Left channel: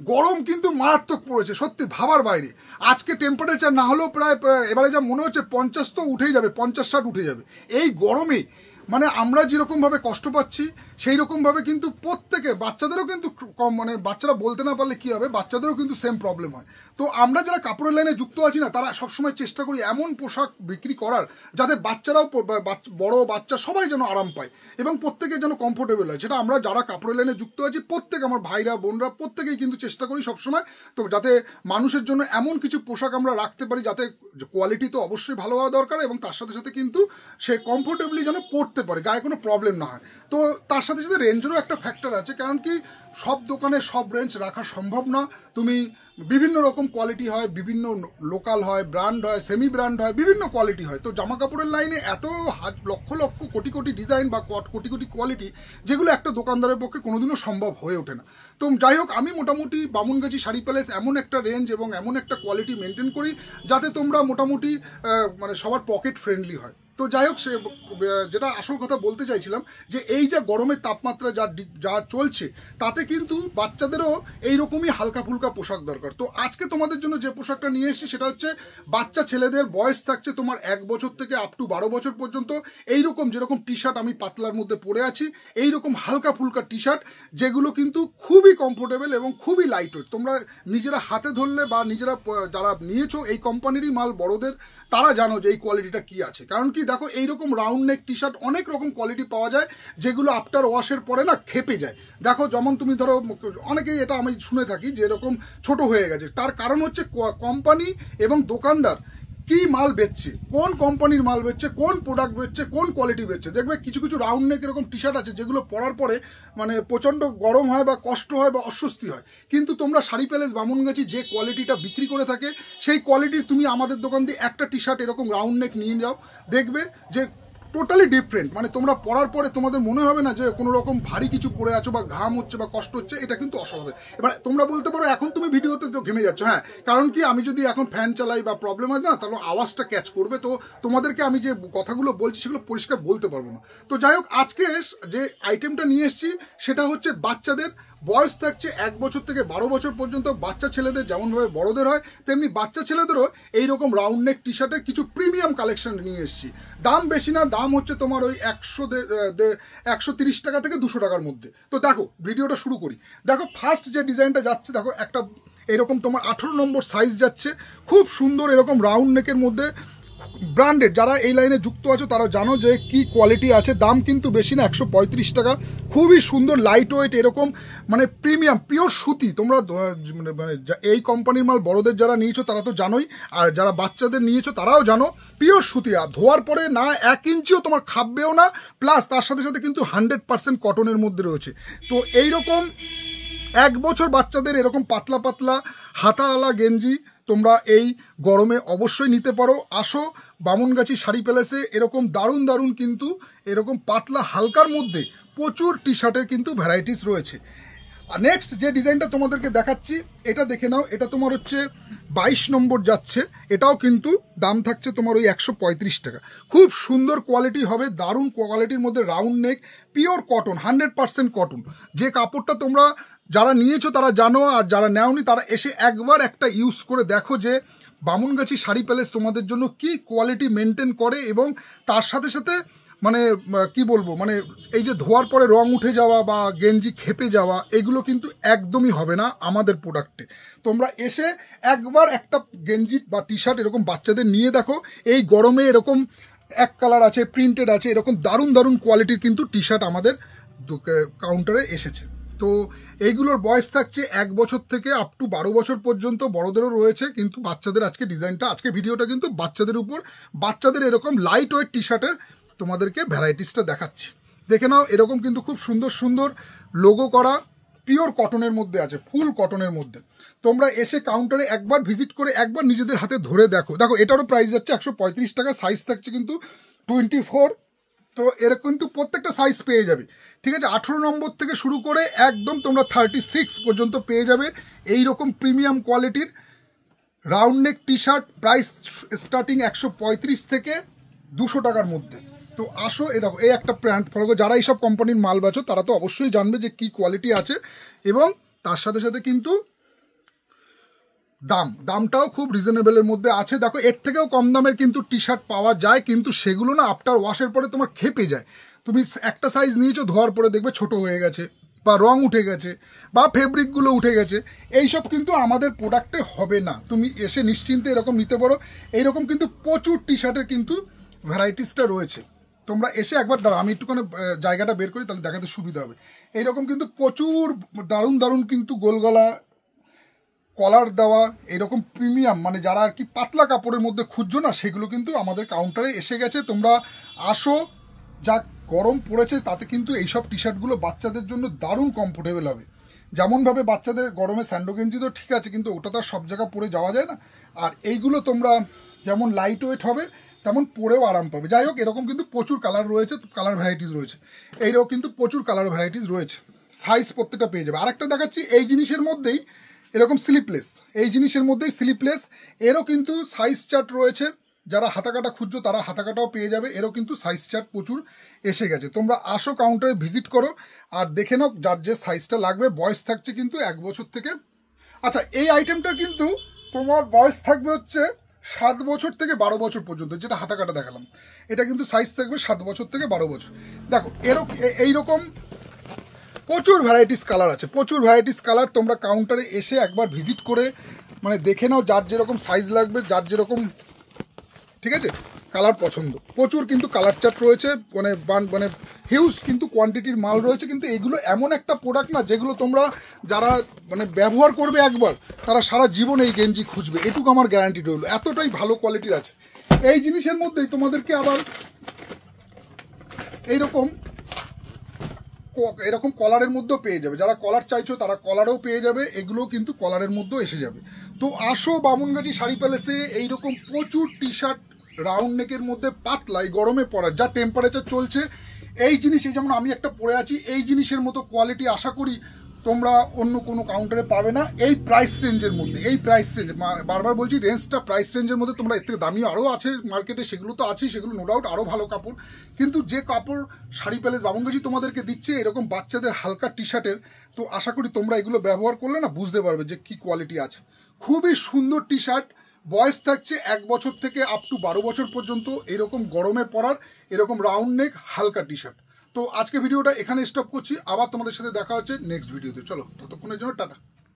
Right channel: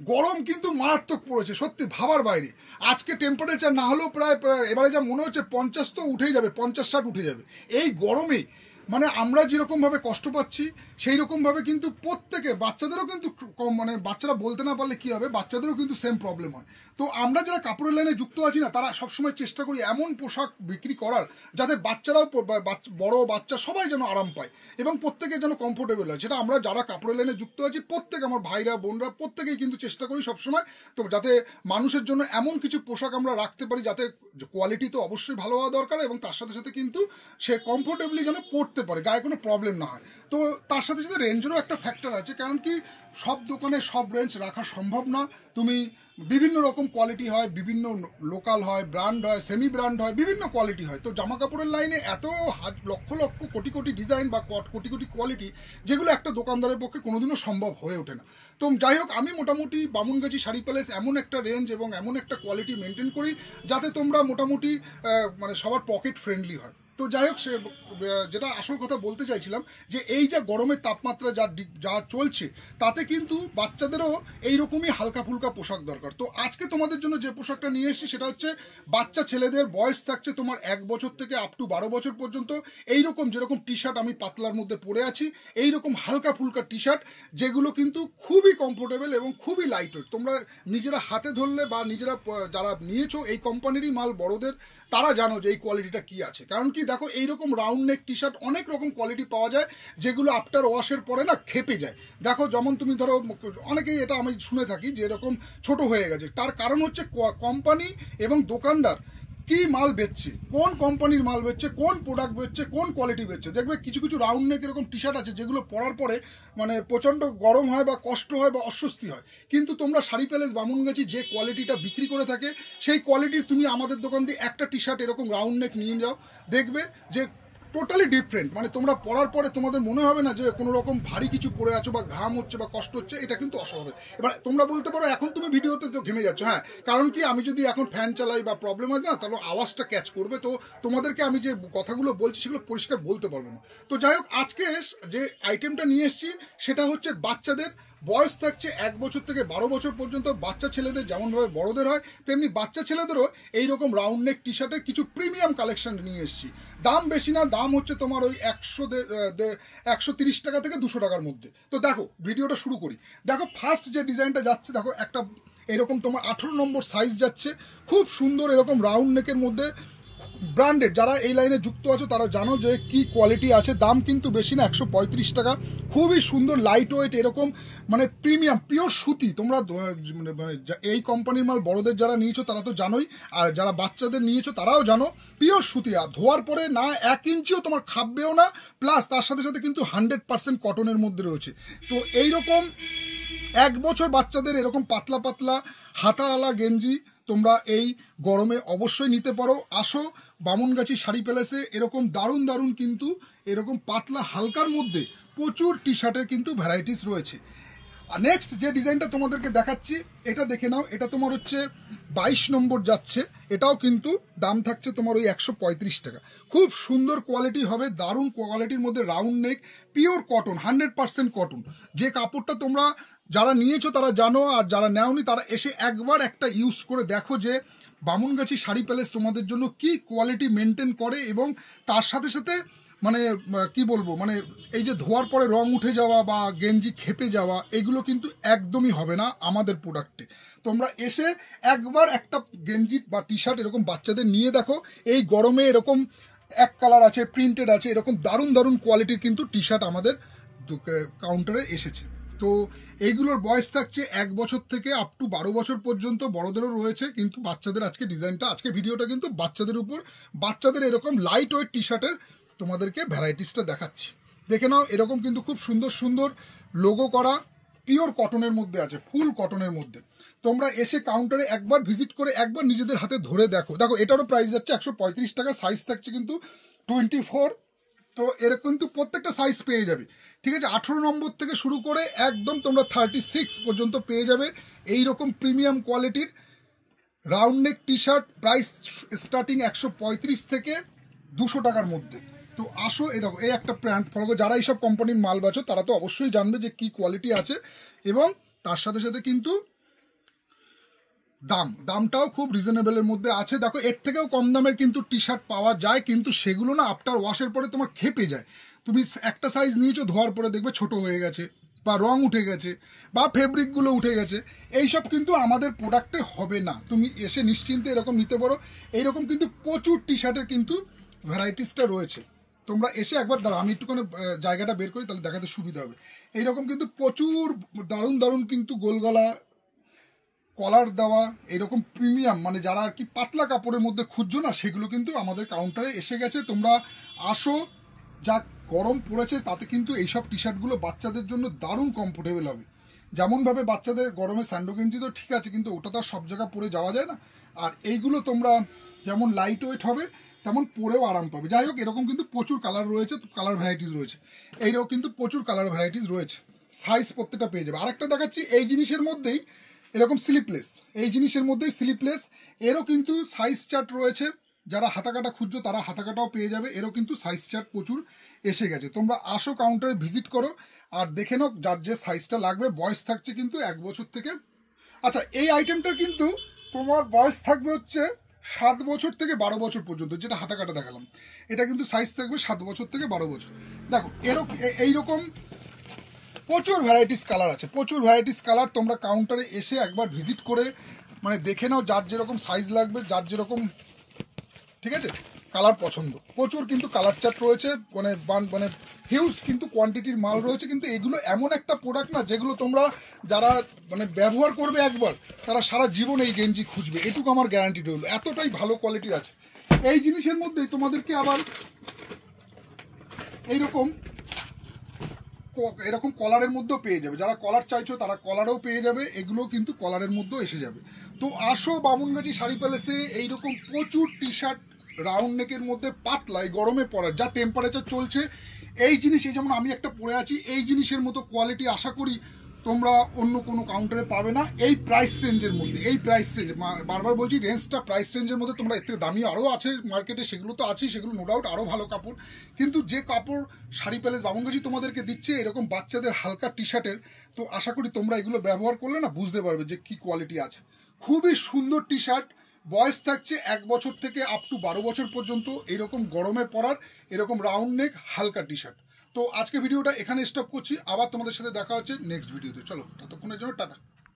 গরম কিন্তু মারাত্মক পড়েছে, সত্যি ভাবার বাইরে। আজকে টেম্পারেচার না হলেও প্রায় এবারে যা মনে হচ্ছে 50 তো উঠেই যাবে, 50-60 উঠে যাবে। এই গরমে মানে আমরা যেরকমভাবে কষ্ট পাচ্ছি সেই রকমভাবে কিন্তু প্রত্যেকে, বাচ্চাদেরও কিন্তু কম, মানে বাচ্চারা বলতে না পারলে কী হবে, বাচ্চাদেরও কিন্তু সেম প্রবলেম হয়। তো আমরা যারা কাপড়ের লাইনে যুক্ত আছি না, তারা সবসময় চেষ্টা করি এমন পোশাক বিক্রি করার যাতে বাচ্চারাও, বড় বাচ্চা সবাই যেন আরাম পায় এবং প্রত্যেকে যেন কমফোর্টেবল হয়। সেটা আমরা যারা কাপড়ের লাইনে যুক্ত আছি প্রত্যেক, আমার ভাইরা বোনরা প্রত্যেকেই কিন্তু চেষ্টা করি সবসময় তো যাতে মানুষের জন্য এমন কিছু পোশাক আমরা রাখতে পারি যাতে কোয়ালিটি তো অবশ্যই ভালো হওয়া দরকার এবং তার সাথে সাথে কিন্তু সে কমফোর্টেবলি যেন পড়তে পারে, গায়ে কোনো প্রবলেম না হয়। তো তার সাথে সাথে রেঞ্জেরও একটা ফ্যাক্টর আছে, কারণ কি সব দোকানে সব রেঞ্জ রাখা সম্ভব না। তুমি বিভিন্ন রকম কোয়ালিটি হয়, বিভিন্ন লোকাল হয়, ব্র্যান্ড হয়, সেমি ব্র্যান্ড হয়, বিভিন্ন কোয়ালিটি হয়। তো জামা কাপড়ের লাইনে এত লক্ষ লক্ষ কোটি কোটি ডিজাইন বা কোটি কোটি কোয়ালিটি, যেগুলো একটা দোকানদারের পক্ষে কোনোদিনও সম্ভব হয়ে ওঠে না। তো যাই হোক, আমি মোটামুটি বামুনগাছি শাড়ি প্যালেস এমন একটা রেঞ্জ এবং এমন একটা কোয়ালিটি মেনটেন করি যাতে তোমরা মোটামুটি মানে সবার পকেট ফ্রেন্ডলি হয়। তো যাই হোক, সে যেটা আসল কথা বলতে চাইছিলাম যে এই যে গরমের তাপমাত্রা যা চলছে তাতে কিন্তু বাচ্চাদেরও এইরকমই হালকা ফুলকা পোশাক দরকার। তো আজকে তোমাদের জন্য যে পোশাকটা নিয়ে এসেছি সেটা হচ্ছে বাচ্চা ছেলেদের, বয়স থাকছে তোমার 1 বছর থেকে আপ টু 12 বছর পর্যন্ত। এইরকম যেরকম টি শার্ট আমি পাতলার মধ্যে পরে আছি, এইরকম হালকা ফুলকা টি শার্ট যেগুলো কিন্তু খুবই কমফোর্টেবল এবং খুবই লাইট ওয়েট। তোমরা নিজেরা হাতে ধরলে বা নিজেরা যারা নিয়েছো এই কোম্পানিরই মাল বড়দের, তারা জানো যে এই কোয়ালিটিটা কি আছে। কারণ কি দেখো, এইরকম রাউন্ড নেক টি শার্ট অনেক রকম কোয়ালিটি পাওয়া যায় যেগুলো আফটার ওয়াশের পরে না খেপে যায়। দেখো, যেমন তুমি ধরো, অনেকেই এটা আমি শুনে থাকি যে এরকম ছোট হয়ে গেছে, তার কারণ হচ্ছে কোম্পানি এবং দোকানদার কি মাল বেচছে, কোন কোম্পানির মাল বেচছে, কোন প্রোডাক্ট বেচছে, কোন কোয়ালিটি বেচছে। দেখবে কিছু কিছু রাউন্ড নেক এরকম টি শার্ট আছে যেগুলো পরার পরে মানে প্রচণ্ড গরম হয় বা কষ্ট হয় বা অস্বস্তি হয়, কিন্তু তোমরা শাড়ি প্যালেস বামুনগাছি যে কোয়ালিটিটা বিক্রি করে থাকে সেই কোয়ালিটির তুমি আমাদের দোকান দিয়ে একটা টি শার্ট এরকম রাউন্ড নেক নিয়ে যাও, দেখবে যে টোটালি ডিফারেন্ট। মানে তোমরা পরার পরে তোমাদের মনে হবে না যে কোনো রকম ভারী কিছু পরে আছো বা ঘাম হচ্ছে বা কষ্ট হচ্ছে, এটা কিন্তু অস্বাভাবিক। এবার তোমরা বলতে পারো এখন তুমি ভিডিওতে তো ঘেমে যাচ্ছ, হ্যাঁ, কারণ কি আমি যদি এখন ফ্যান চালাই বা প্রবলেম হয় না, তাহলে আওয়াজটা ক্যাচ করবে, তো তোমাদেরকে আমি যে কথাগুলো বলছি সেগুলো পরিষ্কার বলতে পারবো না। তো যাই হোক, আজকে যে আইটেমটা নিয়ে এসেছি সেটা হচ্ছে বাচ্চাদের, বয়স থাকছে 1 বছর থেকে 12 বছর পর্যন্ত। বাচ্চা ছেলেদের যেমনভাবে বড়দের হয় তেমনি বাচ্চা ছেলেদেরও এইরকম রাউন্ড নেক টি শার্টের কিছু প্রিমিয়াম কালেকশন নিয়ে এসেছি। দাম বেশি না, দাম হচ্ছে তোমার ওই 130 টাকা থেকে 200 টাকার মধ্যে। তো দেখো, ভিডিওটা শুরু করি। দেখো, ফার্স্ট যে ডিজাইনটা যাচ্ছে, দেখো একটা এরকম তোমার 18 নম্বর সাইজ যাচ্ছে, খুব সুন্দর এরকম রাউন্ড নেকের মধ্যে, ব্র্যান্ডেড। যারা এই লাইনে যুক্ত আছো তারা জানো যে কি কোয়ালিটি আছে। দাম কিন্তু বেশি না, 135 টাকা। খুবই সুন্দর লাইট ওয়েট, এরকম মানে প্রিমিয়াম পিওর সুতি। তোমরা মানে এই কোম্পানির মাল বড়দের যারা নিয়েছো তারা তো জানোই, আর যারা বাচ্চাদের নিয়েছো তারাও জানো পিওর সুতি। আর ধোয়ার পরে না 1 ইঞ্চিও তোমার খাববেও না, প্লাস তার সাথে সাথে কিন্তু 100% কটনের মধ্যে রয়েছে। তো এইরকম 1 বছর বাচ্চাদের এরকম পাতলা পাতলা হাতাওয়ালা গেঞ্জি তোমরা এই গরমে অবশ্যই নিতে পারো। আসো বামুনগাছি শাড়ি প্যালেসে, এরকম দারুণ দারুণ কিন্তু এরকম পাতলা হালকার মধ্যে প্রচুর টি শার্টের কিন্তু ভ্যারাইটিস রয়েছে। আর নেক্সট যে ডিজাইনটা তোমাদেরকে দেখাচ্ছি এটা দেখে নাও, এটা তোমার হচ্ছে 22 নম্বর যাচ্ছে। এটাও কিন্তু দাম থাকছে তোমার ওই 135 টাকা। খুব সুন্দর কোয়ালিটি হবে, দারুণ কোয়ালিটির মধ্যে round neck, pure cotton, 100% cotton. যে কাপড়টা তোমরা যারা নিয়েছো তারা জানো, আর যারা নেওনি তারা এসে একবার একটা ইউজ করে দেখো যে বামুনগাছি শাড়ি প্যালেস তোমাদের জন্য কি কোয়ালিটি মেনটেন করে। এবং তার সাথে সাথে মানে কি বলবো, মানে এই যে ধোয়ার পরে রং উঠে যাওয়া বা গেঞ্জি খেপে যাওয়া, এগুলো কিন্তু একদমই হবে না আমাদের প্রোডাক্টে। তোমরা এসে একবার একটা গেঞ্জি বা টি শার্ট এরকম বাচ্চাদের নিয়ে দেখো। এই গরমে এরকম এক কালার আছে, প্রিন্টেড আছে, এরকম দারুণ দারুণ কোয়ালিটির কিন্তু টি শার্ট আমাদের কাউন্টারে এসেছে। তো এইগুলোর বয়স থাকছে 1 বছর থেকে আপ টু 12 বছর পর্যন্ত, বড়দেরও রয়েছে, কিন্তু বাচ্চাদের আজকে ডিজাইনটা, আজকে ভিডিওটা কিন্তু বাচ্চাদের উপর, বাচ্চাদের এরকম লাইট ওয়েট টি শার্টের তোমাদেরকে ভ্যারাইটিসটা দেখাচ্ছি। দেখে নাও, এরকম কিন্তু খুব সুন্দর সুন্দর লোগো করা পিওর কটনের মধ্যে আছে, ফুল কটনের মধ্যে। তোমরা এসে কাউন্টারে একবার ভিজিট করে একবার নিজেদের হাতে ধরে দেখো। দেখো, এটারও প্রাইস যাচ্ছে 135 টাকা, সাইজ থাকছে কিন্তু 24। তো এর কিন্তু প্রত্যেকটা সাইজ পেয়ে যাবে, ঠিক আছে। 18 নম্বর থেকে শুরু করে একদম তোমরা 36 পর্যন্ত পেয়ে যাবে এই রকম প্রিমিয়াম কোয়ালিটির round neck T shirt. Price starting 135 থেকে 200 টাকার মধ্যে। তো আসো, এ দেখো, এই একটা ব্র্যান্ড ফলো, যারা এইসব কোম্পানির মাল বেচো তারা তো অবশ্যই জানবে যে কি কোয়ালিটি আছে। এবং তার সাথে সাথে কিন্তু দামটাও খুব রিজনেবলের মধ্যে আছে। দেখো এর থেকেও কম দামের কিন্তু টি শার্ট পাওয়া যায়, কিন্তু সেগুলো না আফটার ওয়াশের পরে তোমার খেপে যায়। তুমি একটা সাইজ নিয়েছো, ধোয়ার পরে দেখবে ছোট হয়ে গেছে, বা রং উঠে গেছে, বা ফেব্রিকগুলো উঠে গেছে। এইসব কিন্তু আমাদের প্রোডাক্টে হবে না। তুমি এসে নিশ্চিন্তে এরকম নিতে পারো। এইরকম কিন্তু প্রচুর টি শার্টের কিন্তু ভ্যারাইটিসটা রয়েছে। তোমরা এসে একবার দাঁড়াও, আমি একটুখানি জায়গাটা বের করি, তাহলে দেখাতে সুবিধা হবে। এইরকম কিন্তু প্রচুর দারুণ দারুণ কিন্তু গোলগলা কলার দেওয়া এরকম প্রিমিয়াম, মানে যারা আর কি পাতলা কাপড়ের মধ্যে খুঁজছো না, সেগুলো কিন্তু আমাদের কাউন্টারে এসে গেছে। তোমরা আসো, যা গরম পড়েছে তাতে কিন্তু এইসব টি শার্টগুলো বাচ্চাদের জন্য দারুণ কমফোর্টেবল হবে। যেমনভাবে বাচ্চাদের গরমে স্যান্ডো গেঞ্জি তো ঠিক আছে, কিন্তু ওটা তো আর সব জায়গা পরে যাওয়া যায় না। আর এইগুলো তোমরা যেমন লাইট ওয়েট হবে তেমন পরেও আরাম পাবে। যাই হোক, এরকম কিন্তু প্রচুর কালার রয়েছে, কালার ভ্যারাইটিস রয়েছে। এইরকম কিন্তু প্রচুর কালার ভ্যারাইটিস রয়েছে, সাইজ প্রত্যেকটা পেয়ে যাবে। আরেকটা দেখাচ্ছি এই জিনিসের মধ্যেই এরকম স্লিপলেস, এই জিনিসের মধ্যেই স্লিপলেস, এরও কিন্তু সাইজ চার্ট রয়েছে। যারা হাতাকাটা খুঁজছো তারা হাতাকাটাও পেয়ে যাবে। এরও কিন্তু সাইজ চার্ট প্রচুর এসে গেছে। তোমরা আসো, কাউন্টারে ভিজিট করো আর দেখে নাও যার যে সাইজটা লাগবে। বয়স থাকছে কিন্তু 1 বছর থেকে, আচ্ছা এই আইটেমটার কিন্তু তোমার বয়স থাকবে হচ্ছে 7 বছর থেকে 12 বছর পর্যন্ত, যেটা হাতাকাটা দেখালাম। এটা কিন্তু সাইজ থাকবে 7 বছর থেকে 12 বছর। দেখো এইরকম প্রচুর ভ্যারাইটিস কালার আছে, প্রচুর ভ্যারাইটিস কালার। তোমরা কাউন্টারে এসে একবার ভিজিট করে মানে দেখে নাও যার যেরকম সাইজ লাগবে, যার যেরকম ঠিক আছে কালার পছন্দ। প্রচুর কিন্তু কালার চার্ট রয়েছে, মানে হিউজ কিন্তু কোয়ান্টিটির মাল রয়েছে। কিন্তু এগুলো এমন একটা প্রোডাক্ট না যেগুলো তোমরা যারা মানে ব্যবহার করবে একবার, তারা সারা জীবন এই গেঞ্জি খুঁজবে, এটুকু আমার গ্যারান্টি রইল। এতটাই ভালো কোয়ালিটির আছে। এই জিনিসের মধ্যেই তোমাদেরকে আবার এরকম কলারের মধ্যেও পেয়ে যাবে। যারা কলার চাইছো তারা কলারও পেয়ে যাবে, এগুলোও কিন্তু কলারের মধ্যেও এসে যাবে। তো আসো বামুনগাছি শাড়ি প্যালেসে, এইরকম প্রচুর টি শার্ট রাউন্ড নেকের মধ্যে পাতলা, এই গরমে পরার যা টেম্পারেচার চলছে, এই জিনিস, এই যেমন আমি একটা পরে আছি, এই জিনিসের মতো কোয়ালিটি আশা করি তোমরা অন্য কোনো কাউন্টারে পাবে না এই প্রাইস রেঞ্জের মধ্যে। এই প্রাইস রেঞ্জ, বারবার বলছি রেঞ্জটা প্রাইস রেঞ্জের মধ্যে। তোমরা এর থেকে দামি আরও আছে মার্কেটে, সেগুলো তো আছেই, সেগুলো নো ডাউট আরও ভালো কাপড়। কিন্তু যে কাপড় শাড়ি প্যালেস বামুনগাছি তোমাদেরকে দিচ্ছে এরকম বাচ্চাদের হালকা টি শার্টের, তো আশা করি তোমরা এগুলো ব্যবহার করলে না বুঝতে পারবে যে কি কোয়ালিটি আছে। খুবই সুন্দর টি শার্ট, বয়স থাকছে 1 বছর থেকে আপ টু 12 বছর পর্যন্ত, এরকম গরমে পরার এরকম রাউন্ড নেক হালকা টি শার্ট। তো আজকে ভিডিওটা এখানে স্টপ করছি, আবার তোমাদের সাথে দেখা হচ্ছে নেক্সট ভিডিওতে। চলো, ততক্ষণের জন্য টাটা।